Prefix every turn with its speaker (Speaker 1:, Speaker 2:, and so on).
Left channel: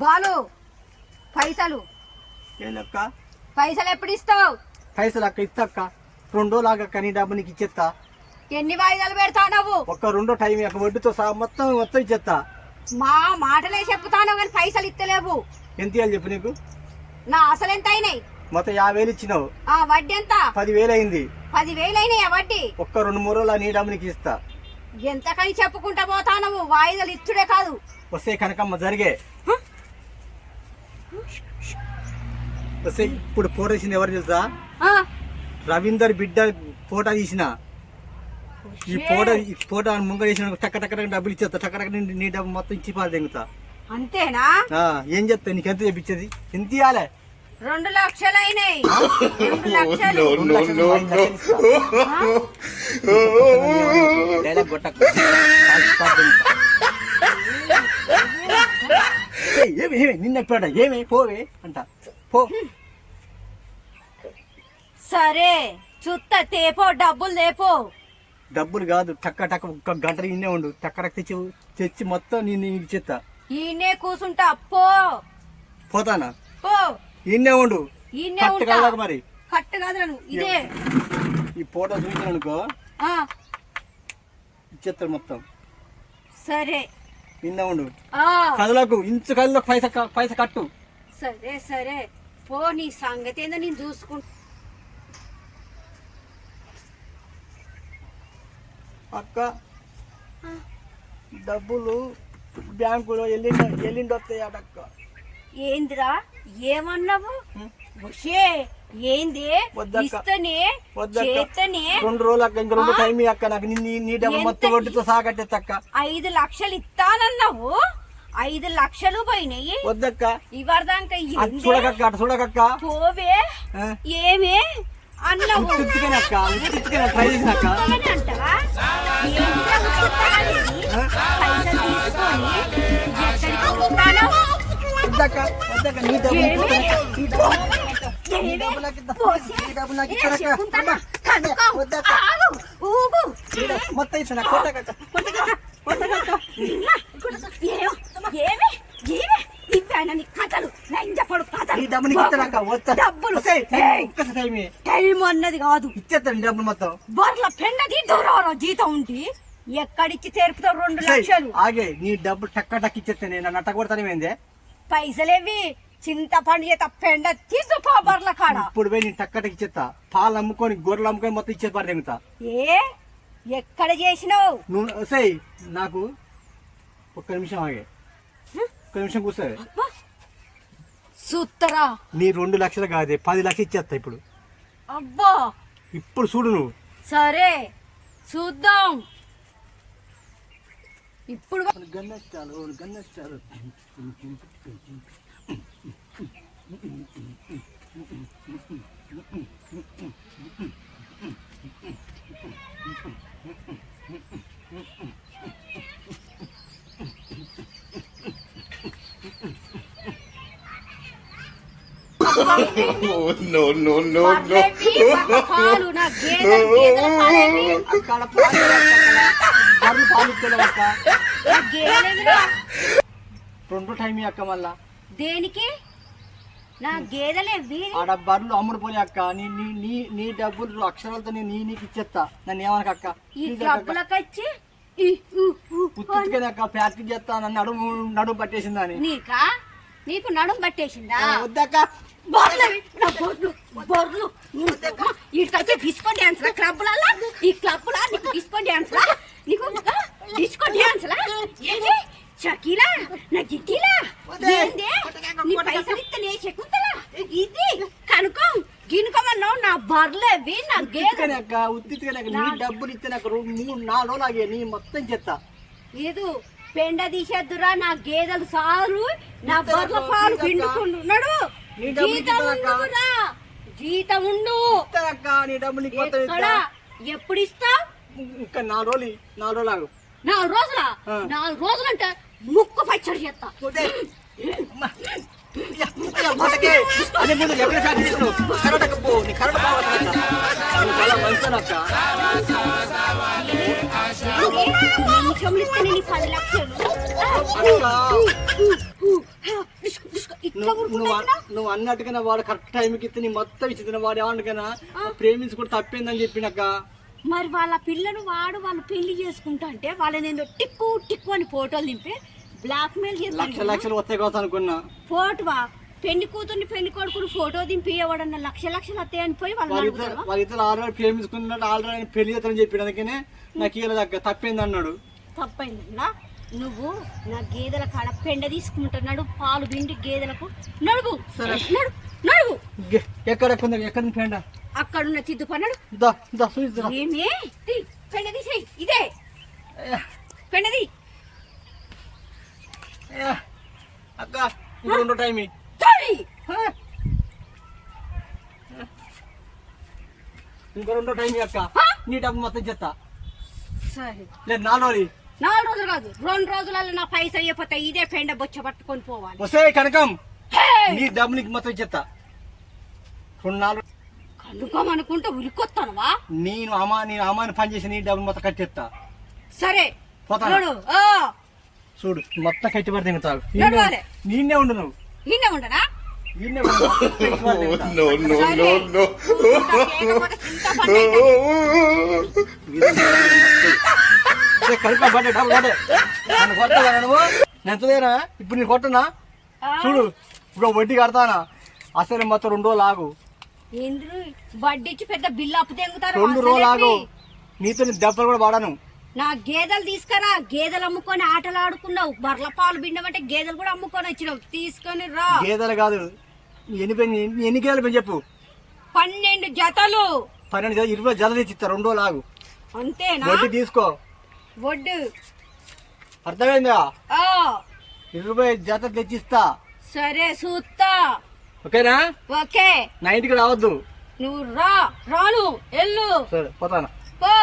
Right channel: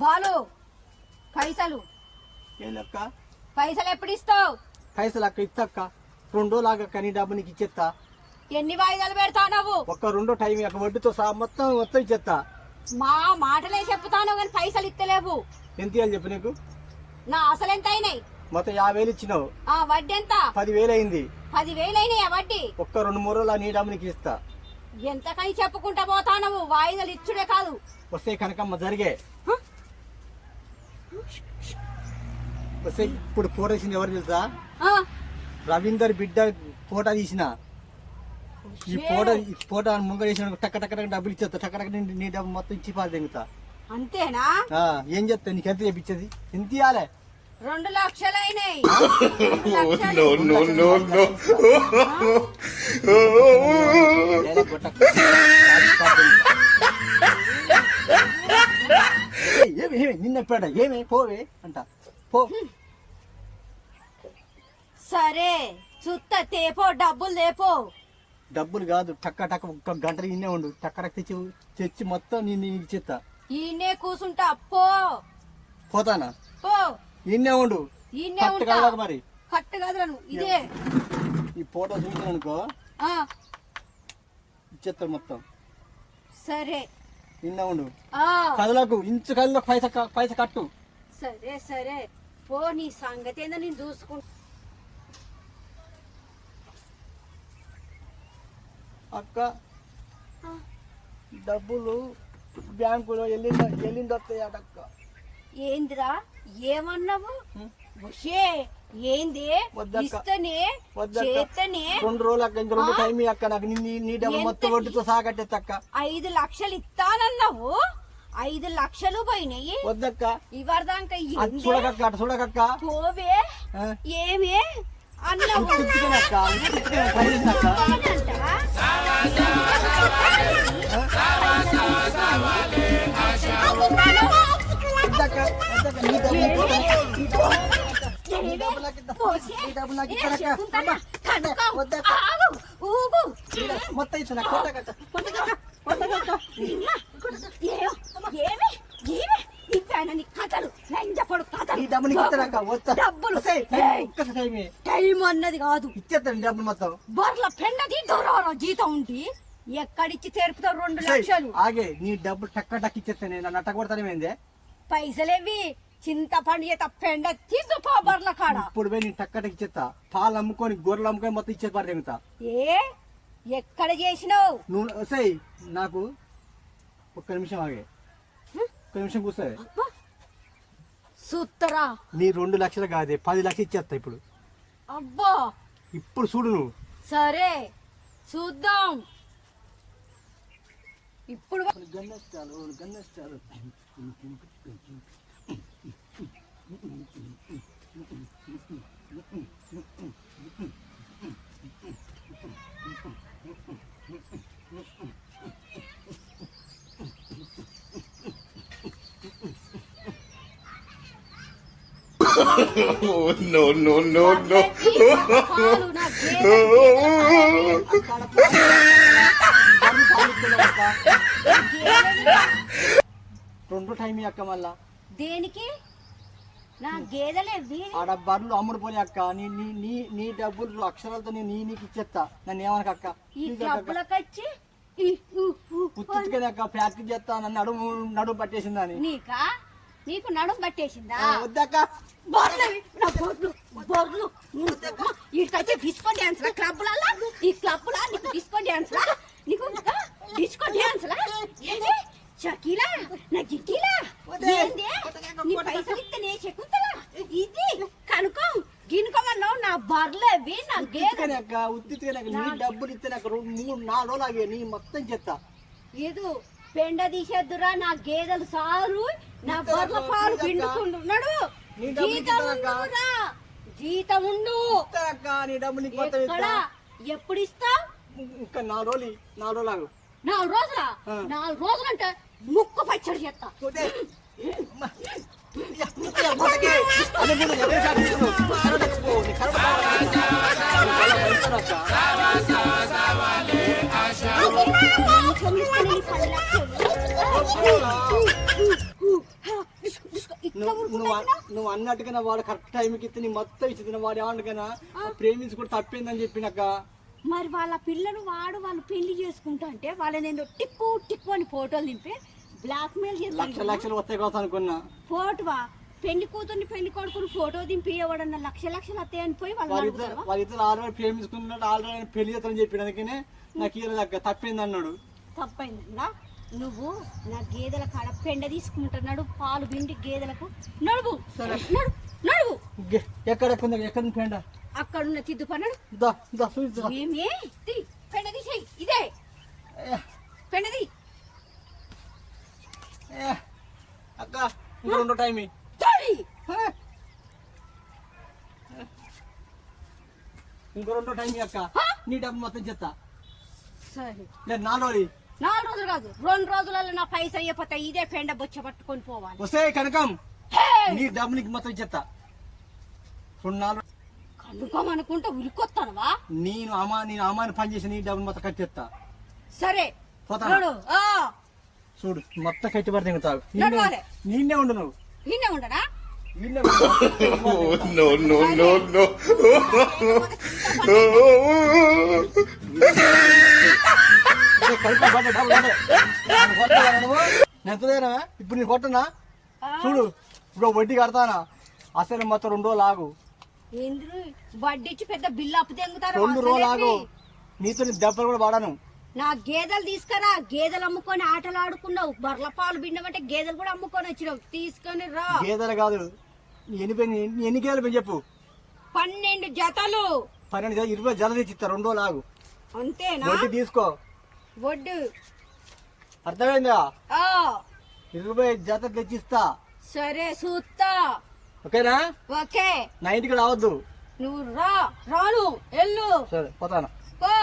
Speaker 1: బాలు పైసలు.
Speaker 2: ఏందక్క?
Speaker 1: పైసలు ఎప్పుడు ఇస్తావు
Speaker 2: పైసలు అక్క ఇచ్చక్క రెండు రోజులు ఆగక్క నీ డబ్బు నీకు ఇచ్చేస్తా
Speaker 1: ఎన్ని వాయిదాలు పెడతావు నువ్వు?
Speaker 2: ఒక్క రెండో టైం అక్క వడ్డీతో సహా మొత్తం మొత్తం ఇచ్చేస్తా
Speaker 1: మా మాటలే చెప్తాను కానీ పైసలు ఇస్తలేవు
Speaker 2: ఎంత ఇవ్వాలి చెప్పు నీకు?
Speaker 1: నా అసలు ఎంత అయినాయి?
Speaker 2: మొత్తం యాభై వేలు ఇచ్చినావు.
Speaker 1: ఆ వడ్డీ ఎంత?
Speaker 2: పదివేలు అయింది.
Speaker 1: పదివేలు అయినాయి వడ్డీ?
Speaker 2: ఒక్క రెండు మూడు రోజులు నీ డబ్బు నీకు ఇస్తా.
Speaker 1: ఎంతకని చెప్పుకుంటా పోతావు వాయిదాలు ఇచ్చుడే కాదు.
Speaker 2: వస్తే కనకమ్మ జరిగే. ఇప్పుడు ఫోటో తీసింది ఎవరు తెలుసా?
Speaker 1: ఆ,
Speaker 2: రవీందర్ బిడ్డ ఫోటో తీసిన. ఈ ఫోటో ఈ ఫోటో ముంగ చేసిన టక్క టక్క డబ్బులు ఇచ్చేస్తా టక్క టక్క నీ- డబ్బు మొత్తం ఇచ్చి పాలు తెంగుతా.
Speaker 1: అంతేనా?
Speaker 2: ఆ, ఏం చెప్తా నీకు ఎంత చెప్పించేది? ఎంత ఇవ్వాలి
Speaker 1: రెండు లక్షలు. అయినాయి
Speaker 2: ఏమి ఏమి నిన్న ఎప్పుడ ఏమి? పోవే అంట. పో.
Speaker 1: సరే చుత్త తేపో డబ్బులు తేపో.
Speaker 2: డబ్బులు కాదు టక్క టక్క ఒక్క గంట ఇన్నే ఉండు. టక్క తెచ్చి తెచ్చి మొత్తం నేను నీకు ఇచ్చేస్తా
Speaker 1: ఈయనే కూసుంటా పో.
Speaker 2: పోతానా?
Speaker 1: పో.
Speaker 2: ఇన్నే ఉండు.
Speaker 1: ఈయనే
Speaker 2: కట్టు
Speaker 1: ఉంటా.
Speaker 2: కాదు మరి.
Speaker 1: కట్టు కాదురా ఇదే.
Speaker 2: ఈ ఫోటో చూసాను అనుకో.
Speaker 1: ఆ.
Speaker 2: ఇచ్చేస్తాడు మొత్తం.
Speaker 1: సరే.
Speaker 2: నిన్న ఉండు.
Speaker 1: ఆ.
Speaker 2: కదలకు ఇంచు కదలకు పైస పైస కట్టు.
Speaker 1: సరే సరే. పో నీ సంగతి ఏందో నేను చూసుకుంటా.
Speaker 2: అక్క డబ్బులు బ్యాంకులో ఎల్లిండ ఎల్లిండి వస్తాయి అక్క
Speaker 1: ఏందిరా? ఏమన్నావు? ఏంది. ఇస్తనే. చేస్తనే
Speaker 2: రెండు రోజులు అక్క ఇంకా రెండు టైం అక్క నాకు నీ- డబ్బు మొత్తం? వడ్డీతో
Speaker 1: ఐదు లక్షలు ఇస్తానన్నావు? ఐదు లక్షలు పోయినాయి.
Speaker 2: వద్దక్క.
Speaker 1: ఇవరదాక
Speaker 2: అటు చూడకక్క చూడకక్క.
Speaker 1: పోవే? ఏమే? అన్నావు.
Speaker 2: మొత్తం
Speaker 1: ఏమి? ఏమి? కథలు కథలు
Speaker 2: ఇస్తానక్క వస్తా
Speaker 1: డబ్బులు
Speaker 2: టైం
Speaker 1: టైం అన్నది కాదు
Speaker 2: ఇచ్చేస్తాను నీ డబ్బులు మొత్తం
Speaker 1: బర్ల పెన్నది దూరం జీతం ఉండి ఎక్కడిచ్చి తెరుపుతావు రెండు లక్షలు
Speaker 2: ఆగే నీ డబ్బు టక్క టక్ ఇచ్చేస్తే నేను నట్ట కొడతాను ఏందే
Speaker 1: పైసలేవి చింతపండు చేత పెండ తీసుకో బర్ల కాడ.
Speaker 2: ఇప్పుడు పోయి నేను టక్క టక్ ఇచ్చేస్తా. పాలు అమ్ముకొని గొర్రెలు అమ్ముకొని మొత్తం ఇచ్చే పారు తెగుతా
Speaker 1: ఏ? ఎక్కడ చేసినావు?
Speaker 2: నువ్వు వస్తాయి నాకు ఒక్క నిమిషం ఆగే. ఒక్క నిమిషం కూర్చోవే.
Speaker 1: సుత్తరా?
Speaker 2: నీ రెండు లక్షలు కాదే పది లక్షలు ఇచ్చేస్తా ఇప్పుడు.
Speaker 1: అబ్బా!
Speaker 2: ఇప్పుడు చూడు నువ్వు.
Speaker 1: సరే చూద్దాం. ఇప్పుడు
Speaker 2: గన్నష్టాలు
Speaker 3: Oh, no, no, no, no.
Speaker 2: రెండు టైం అక్క మళ్ళా.
Speaker 1: దేనికి? నా గేదెలే
Speaker 2: ఆడ బర్రెలు అమ్ముడు అక్క నీ నీ నీ నీ డబ్బులు అక్షరాలతో నీ నీకు ఇచ్చేస్తా. నన్ను ఏమనక అక్క?
Speaker 1: ఈ
Speaker 2: అక్క ఫ్యాక్టరీ చేస్తా నన్ను నడుము నడుము పట్టేసిందని.
Speaker 1: నీకా? నీకు నడుం పట్టేసిందా?
Speaker 2: వద్దక్క
Speaker 1: బొర్లు నా బొర్లు బొర్లు ఇక్కడికి డిస్కో డాన్స్ క్లబ్లలో ఈ క్లబ్లో నీకు డిస్కో డాన్స్ నీకు డిస్కో డాన్స్ ఏంది షకీలా నా గిట్టిలా ఏంది నీ ఇస్తే నే చెక్కుతలా? ఇది కనుకో గినుకోమన్నావు నా బర్లేవి నా గేదె
Speaker 2: ఉత్తికనే అక్క ఉత్తికనే అక్క నీ డబ్బులు ఇస్తే నాకు రెండు మూడు నాలుగు రోజులు ఆగే నీ మొత్తం చెత్తా.
Speaker 1: ఇది పెండ తీసేద్దురా నా గేదెలు సారు నా బర్ల పాలు పిండుకుంటున్నాడు.
Speaker 2: నీ డబ్బులు
Speaker 1: జీతం
Speaker 2: ఇస్తానక్క.
Speaker 1: ఉండురా జీతం ఉండు.
Speaker 2: అక్క నీ డబ్బు నీకు మొత్తం
Speaker 1: ఎక్కడ
Speaker 2: ఇస్తా.
Speaker 1: ఎప్పుడు ఇస్తా
Speaker 2: ఇంకా నాలుగు రోజులు నాలుగు రోజులు ఆగు.
Speaker 1: నాలుగు రోజుల?
Speaker 2: ఆ.
Speaker 1: నాలుగు రోజులు అంటే ముక్కు పచ్చడి చేస్తా.
Speaker 2: చూడే. అమ్మ. నువ్వు అన్- నువ్వు అన్నట్టుగానే వాడు కరెక్ట్ టైంకి ఇస్తే నీ మొత్తం ఇచ్చిన వాడు ఏమన్నా ప్రేమించి కూడా తప్పిందని చెప్పినాక.
Speaker 1: మరి వాళ్ళ పిల్లను వాడు వాళ్ళు పెళ్ళి చేసుకుంటా అంటే వాళ్ళని టిక్కు టిక్కు అని ఫోటోలు దింపి బ్లాక్ మెయిల్
Speaker 2: లక్ష లక్షలు వస్తాయి కోసం అనుకున్నా.
Speaker 1: ఫోటోవా పెళ్ళి కూతుర్ని పెళ్ళి కొడుకుని ఫోటో దింపి ఎవడన్నా లక్ష లక్షలు వస్తాయని పోయి
Speaker 2: వాళ్ళిద్దరు
Speaker 1: అడుగుతావా?
Speaker 2: వాళ్ళిద్దరు ఆల్రెడీ ప్రేమించుకున్నట్టు ఆల్రెడీ పెళ్ళి చేస్తారని చెప్పి అందుకనే నాకు ఇలా దగ్గర తప్పింది అన్నాడు.
Speaker 1: తప్పైందన్నా నువ్వు నా గేదెల కాడ పెండ తీసుకుంటున్నాడు పాలు పిండి గేదెలకు. నడువు. నడు నడువు.
Speaker 2: ఎక్కడ ఎక్కడ పెండ?
Speaker 1: అక్కడున్న తిద్దు పన్నాడు ఏమే? పెండ తీసేయి. ఇదే. పెండది
Speaker 2: అక్క ఇంకా రెండో టైం ఇంకో రెండో టైం అక్క. నీ డబ్బు మొత్తం చెత్త. లేదు నాలుగు
Speaker 1: నాలుగు రోజులు కాదు రెండు రోజులలో నా పైసలు అయిపోతే ఇదే పెండ బొచ్చ పట్టుకొని పోవాలి.
Speaker 2: వస్తే కనకం! నీ డబ్బు నీకు మొత్తం చెత్త. రెండు నాలుగు
Speaker 1: కనుకోమనుకుంటే ఉరికొస్తానువా
Speaker 2: నేను అమ్మా నేను అమ్మాని పని చేసి నీ డబ్బులు మొత్తం కట్టేస్తా
Speaker 1: సరే.
Speaker 2: పోతానా?
Speaker 1: చూడు
Speaker 2: మొత్తం కట్టి
Speaker 1: నడవాలి.
Speaker 2: నేనే
Speaker 1: ఉండనా.
Speaker 2: ఈయనే
Speaker 3: Oh, no, no, no, no.
Speaker 2: ఎంతదేనా ఇప్పుడు నేను కొట్టనా? చూడు ఇప్పుడు వడ్డీ కడతానా? అసలు మొత్తం రెండు రోజులు ఆగు.
Speaker 1: ఏంద్రు వడ్డిచ్చి పెద్ద బిల్లు అప్పు తెంగుతారు
Speaker 2: రెండు రోజులు ఆగు. నీతో నేను దెబ్బలు కూడా వాడాను
Speaker 1: నా గేదెలు తీసుకురా గేదెలు అమ్ముకొని ఆటలు ఆడుకున్నావు. బర్ల పాలు పిండమంటే గేదెలు కూడా అమ్ముకొని వచ్చినావు. తీసుకొని రా.
Speaker 2: గేదెలు కాదు. ఎన్ని పెన్ ఎన్ని గేదెలు చెప్పు?
Speaker 1: పన్నెండు జతలు.
Speaker 2: పన్నెండు గేదెలు ఇరవై జత తెచ్చి ఇస్తా రెండు ఆగు
Speaker 1: అంతేనా?
Speaker 2: వడ్డీ తీసుకో.
Speaker 1: వడ్డు.
Speaker 2: అర్థమైందా?
Speaker 1: ఆ.
Speaker 2: ఇరవై జత తెచ్చిస్తా
Speaker 1: సరే సూత్తా.
Speaker 2: ఓకేనా?
Speaker 1: ఓకే.
Speaker 2: నా ఇంటికి రావద్దు.
Speaker 1: నువ్వు రా. రాను. ఎల్లు
Speaker 2: సరే పోతాను?
Speaker 1: పో.